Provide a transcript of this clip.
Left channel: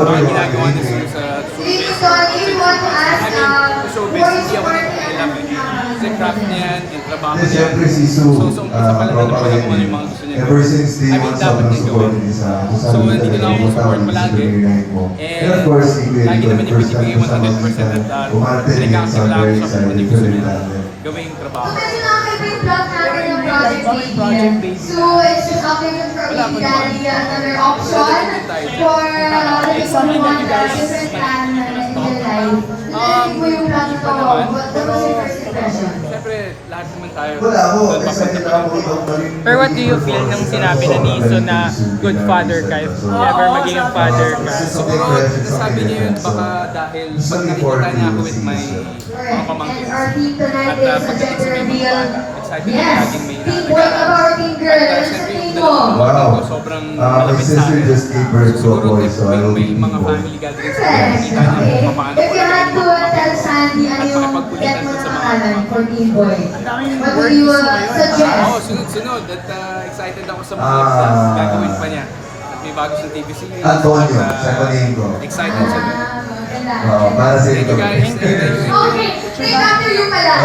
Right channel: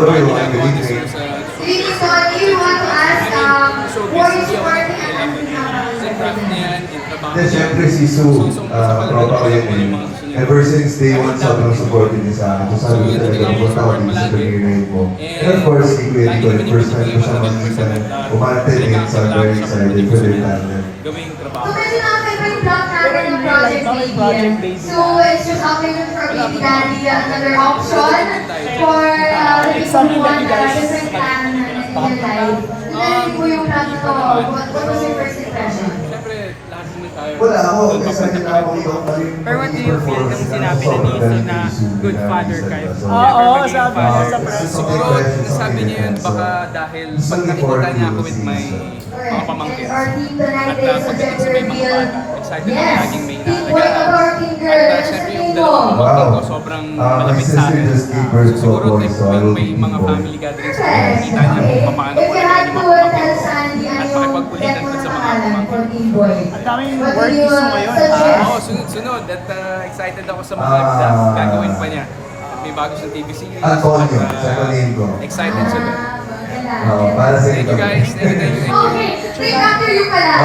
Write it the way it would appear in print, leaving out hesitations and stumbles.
Mga ginagawa ni Sue sa showbiz. Showbiz, hindi ako nagpakialam. Kasi craft niya yan, yung trabaho Kasi niya. syempre si Sue, So, umpisa pa lang na pala kung ano yung mga gusto niya. ever since day I mean, one, dapat sobrang din support gawin. din sa akin. So, hindi ko lang ako support malagi. And of course, si Kuya lagi Tito, naman yung first binibigay time kasama 100% at namin. Umarte din pinagkakasabla sa ko very siya kung ano yung gusto niya namin. gawing trabaho. Kasi nakaka-favorite vlog namin yung Project Baby. So, it's just opting for Wala pa naman. another option for Something that you guys different plan in your life. Hindi po yung plan Hindi ko. pa naman, What pero was your first impression? siyempre, lahat naman tayo Wala ako. doon papunta pa rin. Pero what do you feel nung sinabi ni Niso na good father ka? If ever maging father ka? Siguro, nasabi niya yun baka dahil pag nakikita niya ako with my mga pamangkins at pagdating sa may mga bata, excited ako laging may inaalagaan. At syempre yung dalawang pamangkin ko sobrang malapit sa akin. So, siguro tuwing may mga family gatherings ko, nakikita niya kung paano ko alagaan yung mga pamangkin ko at pakipagkulitan dun sa mga pamangkin ko. What do you suggest? Oo, sunod-sunod at excited ako sa mga gagawin pa niya. At may bago siyang TV series at excited siya dun. Para sa Thank you guys. Thank you. Okay, wait, after you pala.